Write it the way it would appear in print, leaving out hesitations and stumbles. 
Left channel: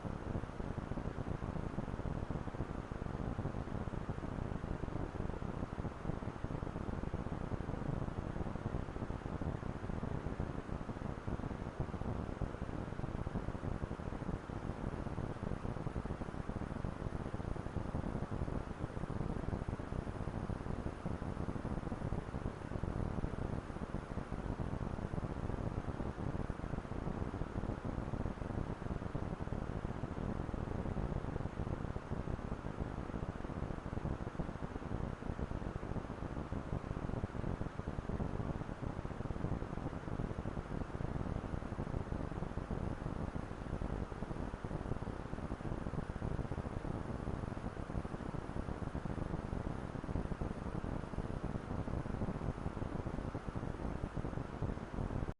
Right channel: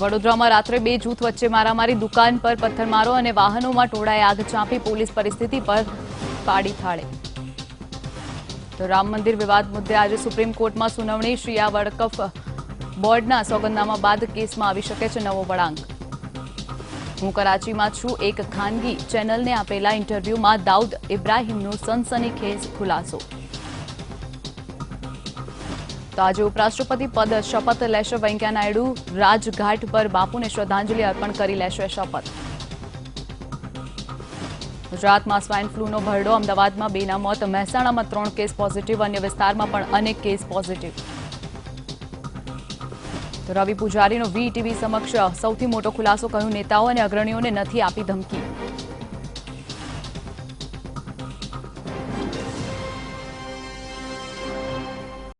વડોદરામાં રાત્રે બે જૂથ વચ્ચે મારામારી, દુકાન પર પથ્થરમારો અને વાહનોમાં ટોળાએ આગ ચાંપી, પોલીસ પરિસ્થિતિ પર પાડી થાળે. તો રામ મંદિર વિવાદ મુદ્દે આજે સુપ્રીમ કોર્ટમાં સુનાવણી. શિયા વકફ બોર્ડના સોગંદનામા બાદ કેસમાં આવી શકે છે નવો વળાંક. હું કરાચીમાં છું, એક ખાનગી ચેનલને આપેલા ઇન્ટરવ્યુમાં દાઉદ ઇબ્રાહિમનો સનસનીખેજ ખુલાસો. તો આજે ઉપરાષ્ટ્રપતિ પદ શપથ લેશે વેંકૈયા નાયડુ. રાજઘાટ પર બાપુને શ્રદ્ધાંજલિ અર્પણ કરી લેશે શપથ. ગુજરાતમાં સ્વાઇન ફ્લૂનો ભરડો, અમદાવાદમાં 2ના મોત, મહેસાણામાં 3 કેસ પોઝિટિવ, અન્ય વિસ્તારમાં પણ અનેક કેસ પોઝિટિવ. તો રવિ પૂજારીનો વીટીવી સમક્ષ સૌથી મોટો ખુલાસો, કહ્યું નેતાઓ અને અગ્રણીઓને નથી આપી ધમકી.